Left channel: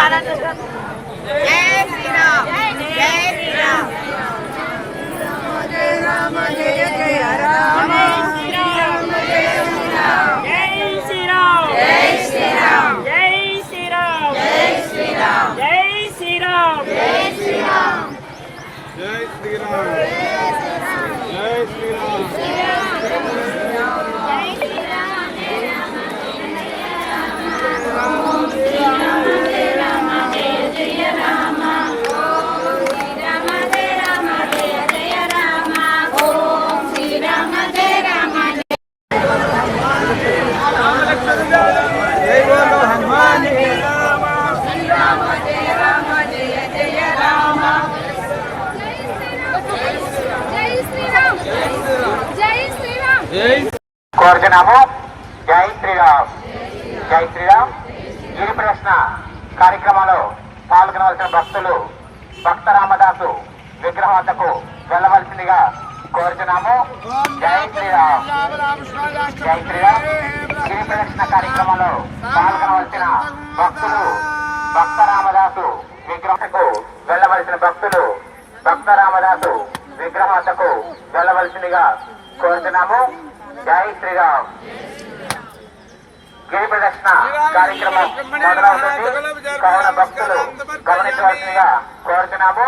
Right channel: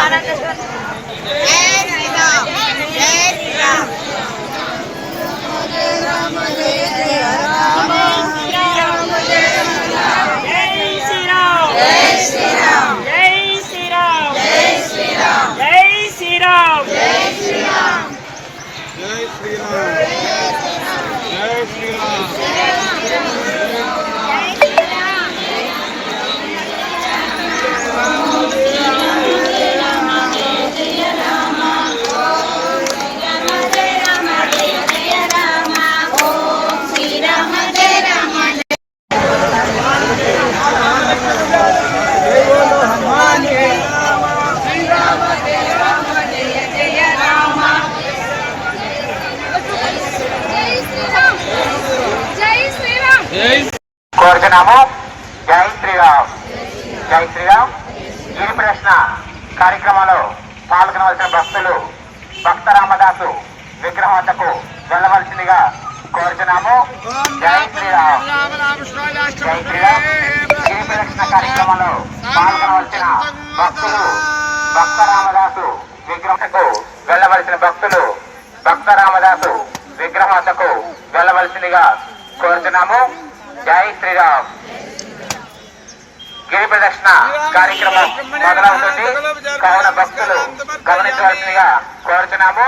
পাড়াতে కోరుచున్నాము జై శ్రీరామ్. జై శ్రీరామ్. గిరి ప్రశ్న కార్యక్రమంలో పాల్గొనవలసిన భక్తులు భక్త రామదాసు విగ్రహం వద్దకు వెళ్ళవలసిందిగా కోరుచున్నాము. జై శ్రీరామ్. జై శ్రీరామ్. గిరి ప్రశ్న కార్యక్రమంలో పాల్గొనవలసిన భక్తులు భక్త రామదాసు విగ్రహకు వెళ్ళవలసిన భక్తులు భక్త రామదాసు విగ్రహం వద్దకు వెళ్ళవలసిందిగా కోరుచున్నాము. జై శ్రీరామ్. గిరి ప్రదర్శన కార్యక్రమం మొదలవుతుంది. కావున భక్తులు గమనించవలసిందిగా కోరుచున్నాము.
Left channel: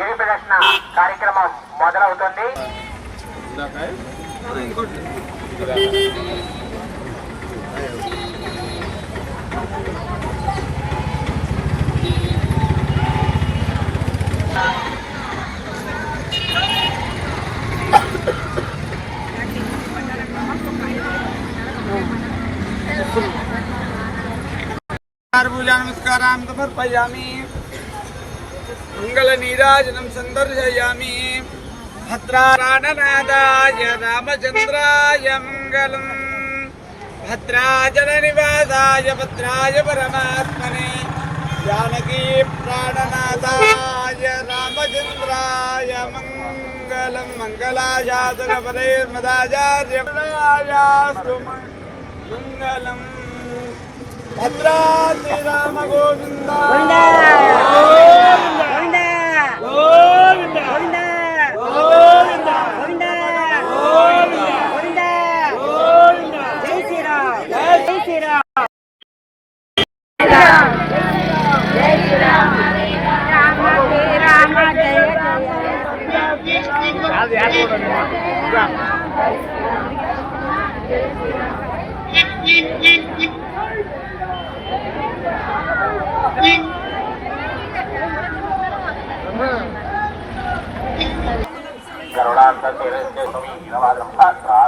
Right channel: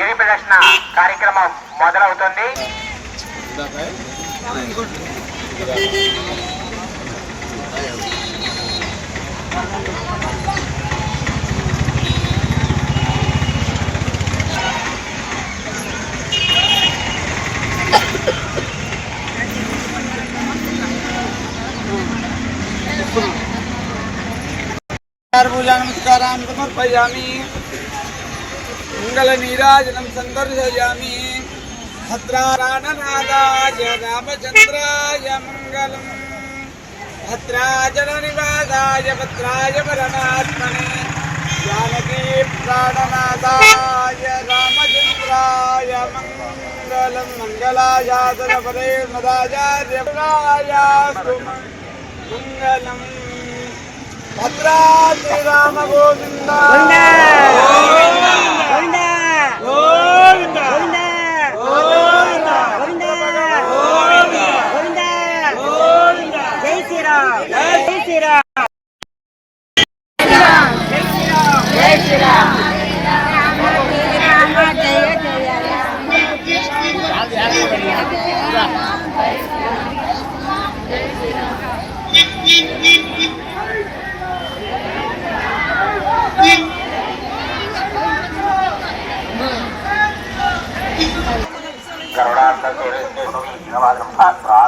గిరి ప్రదర్శన కార్యక్రమం మొదలవుతుంది. పూజా నమస్కారం సమర్పయామి మంగళ నీరాజనం సందర్శయామి భద్రారాణనాదాయ రామచంద్రాయ మంగళం భద్రాచల నివాసాయ భద్రాయ పరమాత్మనే జానకీ ప్రాణనాథాయ రామచంద్రాయ మంగళం మంగళాయాతన పరే మంగళం భద్రాద్రి రామ గోవింద. గోవింద. గోవింద.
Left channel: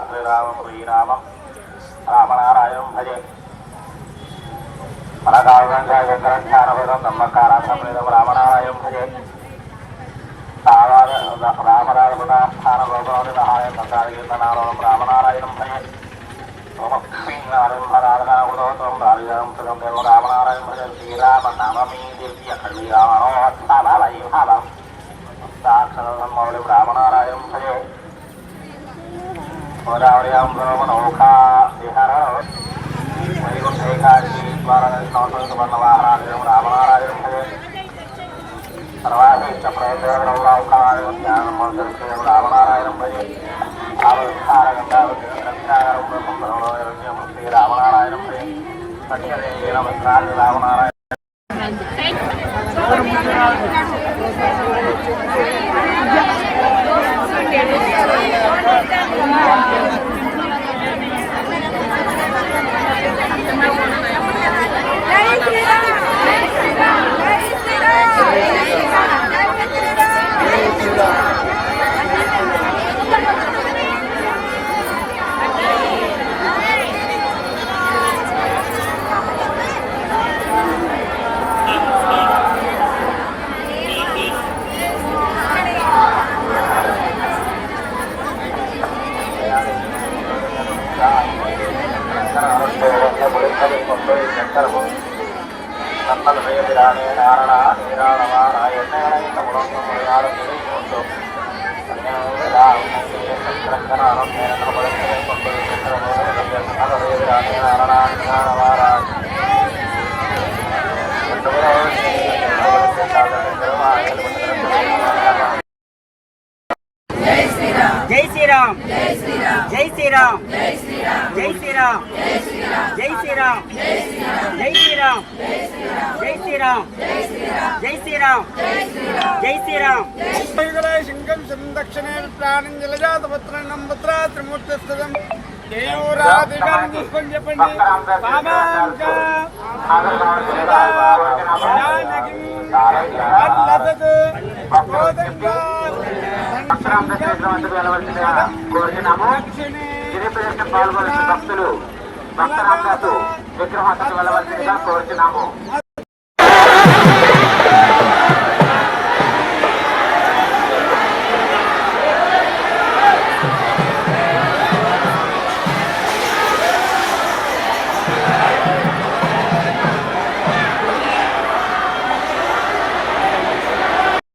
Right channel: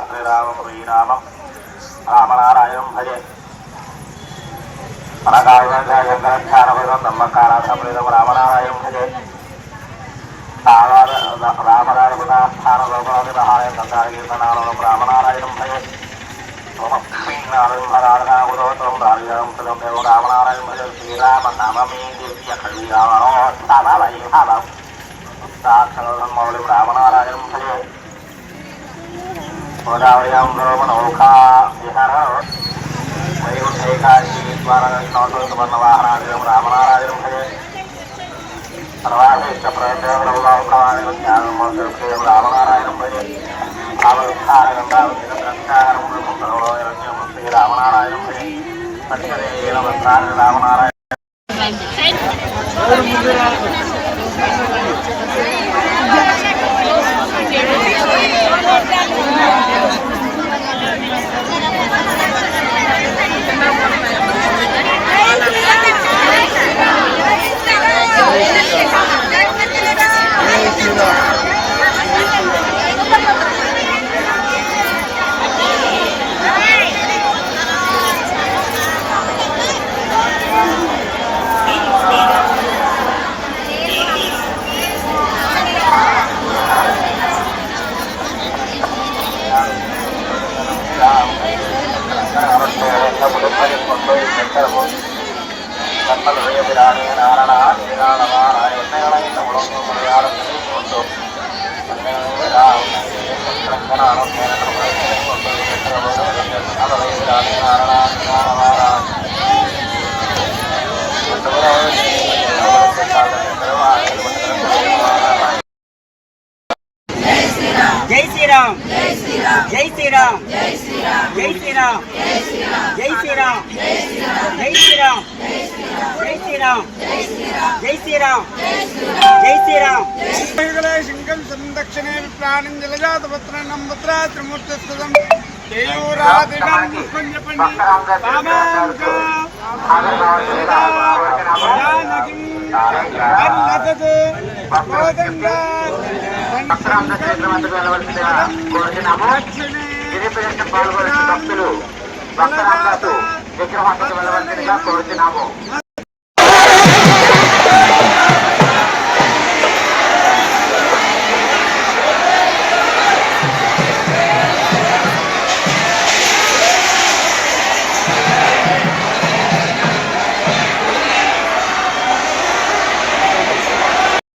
శ్రీరామం శ్రీరామం రామనారాయణం భజే మనకాయంధ్రధ్యానం నమ్మకారాధం రామనారాయణం భజే రామనారాయణస్థానం లోపలహారం సంతానం రామనారాయణం భజే రామనారాయణం భజే సాక్షరమౌళి రామనారాయణం భజే గోదావరియాం బ్రహ్మణౌకా విహార వైకుంఠైకాశీ ద్వారవర్ణవాహనాదిరం రామనారాయణం భజే సర్వాశిష్ట ప్రవేశం రామనారాయణం భజే రామనారాయణం భజే పట్టిన రామనారాయణ Thank you. சக்கரமும் தன்னல் உயர்விரானே நாரணா நீராணமா நாய் உன்னைகளையும் உடம்பு முறையாட நிலை கொண்டு கிழக்கனானோ கேரள முறைகளை கொண்டு சக்கரமும் உயர்விரானே நாரணா நீராணமா ரெண்டு பேரும் శ్రీరామ్. జై శ్రీరామ్. జై శ్రీరామ్. జై శ్రీరామ్. జై శ్రీరామ్. జై శ్రీరామ్. జై శ్రీరామ్. జై శ్రీరామ్. శంకం సందక్షిణే ప్రాణం జలజాతపత్రం పుత్ర పుష్పం చెప్పండి రామాంక భక్తరామ క్షేత్రం వెళ్ళవలసిందిగా కోరుతున్నాము గిరిప్రదర్శన పాల్గొనే భక్తులు భక్తరామదాసు విగ్రహానికి వెళ్ళవలసిందిగా కోరుతున్నాము